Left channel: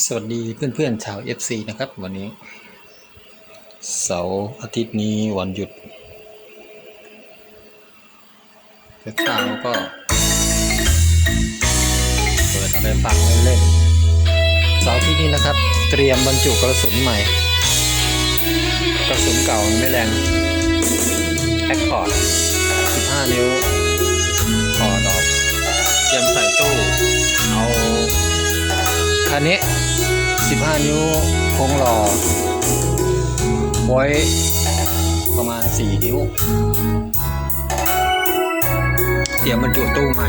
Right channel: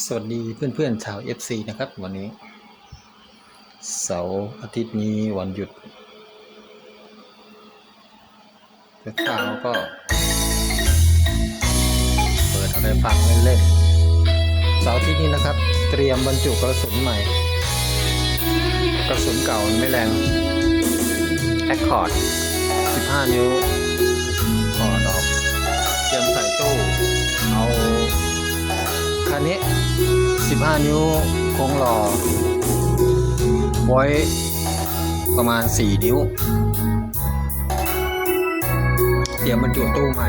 สวัสดีเพื่อนๆชาว FC นะครับ วันนี้ เสาร์อาทิตย์นี้วันหยุดเช้าก็เปิดให้ฟังเล่นเสาร์ที่นี้นะครับ เตรียมบรรจุกระสุนใหม่ กระสุนเก่ามันไม่แรงแอคคอร์ด นนี้ 15 นิ้วโค้งหล่อไว้ประมาณ 4 นิ้ว เตรียมบรรจุตู้ใหม่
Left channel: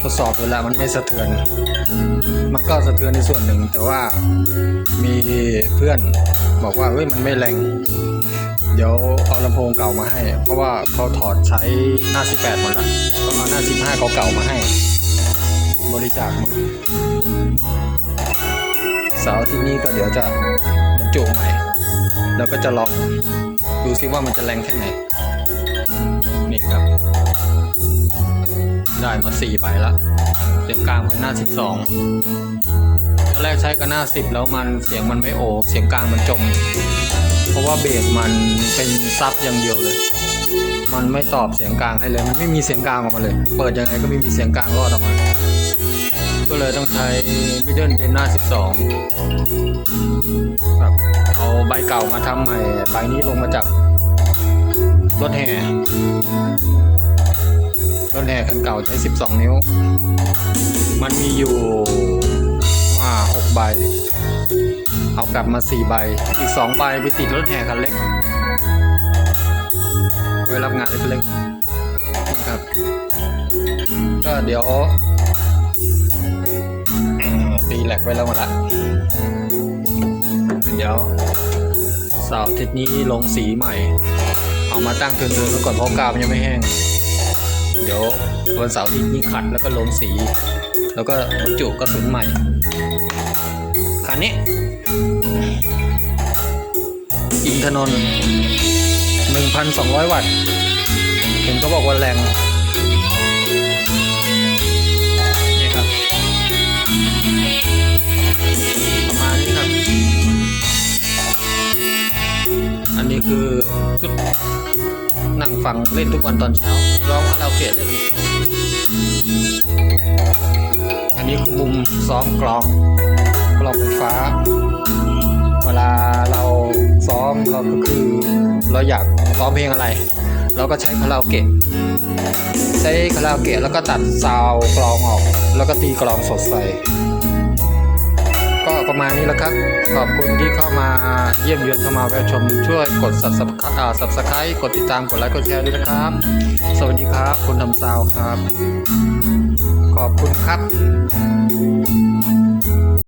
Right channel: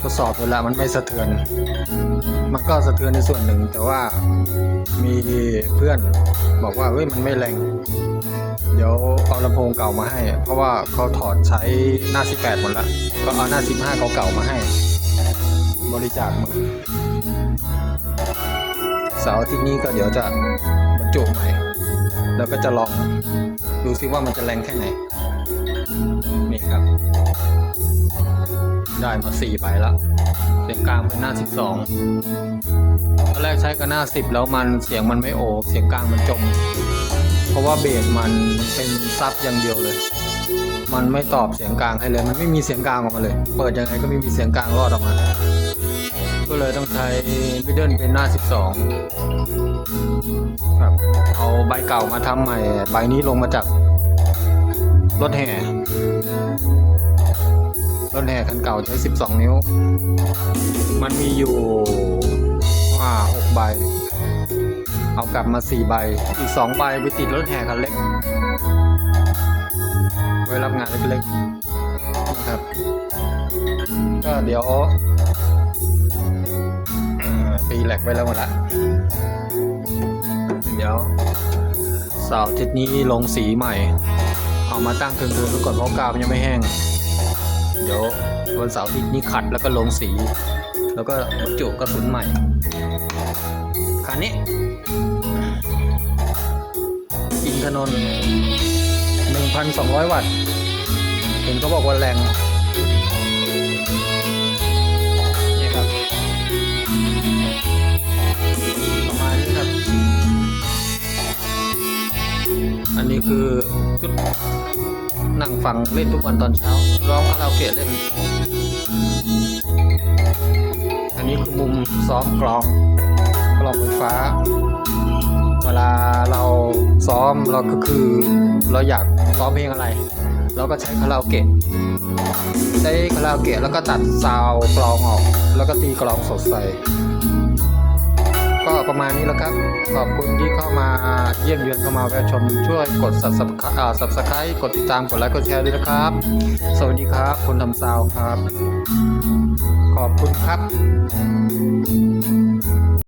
ทดสอบเวลามันไม่สะเทือน มันก็สะเทือนในส่วนหนึ่ง แต่ว่ามีเพื่อนบอกว่าเฮ้ยมันไม่แรง เดี๋ยวเอาลำโพงเก่ามาให้ เพราะว่าเขาถอดใช้หน้า 18หมดแล้วก็เอาหน้า 15 เก่าๆมาให้ บริจาคมาเสาร์ที่นี้ก็เดี๋ยวจะจุใหม่ แล้วก็จะลองดูซิว่ามันจะแรงแค่ไหน นี่ครับ ได้มาสี่ใบละเสียงกลางเป็นหน้าสิบสองตอนแรกใช้กับหน้าสิบแล้วมันเสียงมันไม่โอเสียงกลางมันจม เพราะว่าเบสมันเป็นซับอย่างเดียวเลย มันไม่ตอบเสียงกลางให้เลย มันไม่มีเสียงกลางออกมาเลย เปิดยังไงก็ไม่มีเสียงกลางรอดออกมา ก็เลยต้องใช้มิดเดิลเป็นหน้า 12ครับเอาใบเก่ามาทำใหม่ ใบนี้ลงมาจากรถแห่รถแห่คันเก่าใช้ 12 นิ้ว มันมีอยู่ว่า6ใบ เอากลับมา 4 ใบ อีก 2 ใบไปติดรถแห่คันเล็กไว้รับงานเล็กนะครับก็เดี๋ยวตีแหลกไว้แล้วหมดละเดี๋ยวสาร์อาทิตย์นี้ลงสีใหม่ เอามาตั้งเทินๆไว้ก่อนเพราะกาวยังไม่แห้ง เดี๋ยววันเสาร์ทิตย์นี้ขัดแล้วก็ลงสี แล้วก็จุกระสุนใหม่คันนี้อินทนนท์1,200 วัตต์ เห็นเขาบอกว่าแรงนี่ครับประมาณนี้ครับอันนี้คือชุดนั่งฟังเล่นทุกวันตอนเช้าร้องคาราโอเกะเล่น อันนี้คือมุมซ้อมกลองกลองฟ้า เวลาเราซ้อมเราก็คือเราอยากซ้อมเพลงอะไร เราก็ใช้คาราโอเกะใช้คาราโอเกะแล้วก็ตัดซาวกลองออก แล้วก็ตีกลองสดใสก็ประมาณนี้แหละครับ ขอบคุณที่เข้ามาียมเยือนเข้ามาแวะชมช่วยกด subscribe กดติดตามกดไลค์กดแชร์ด้วยนะครับ สวัสดีครับคนทำซาวครับ ขอบคุณครับ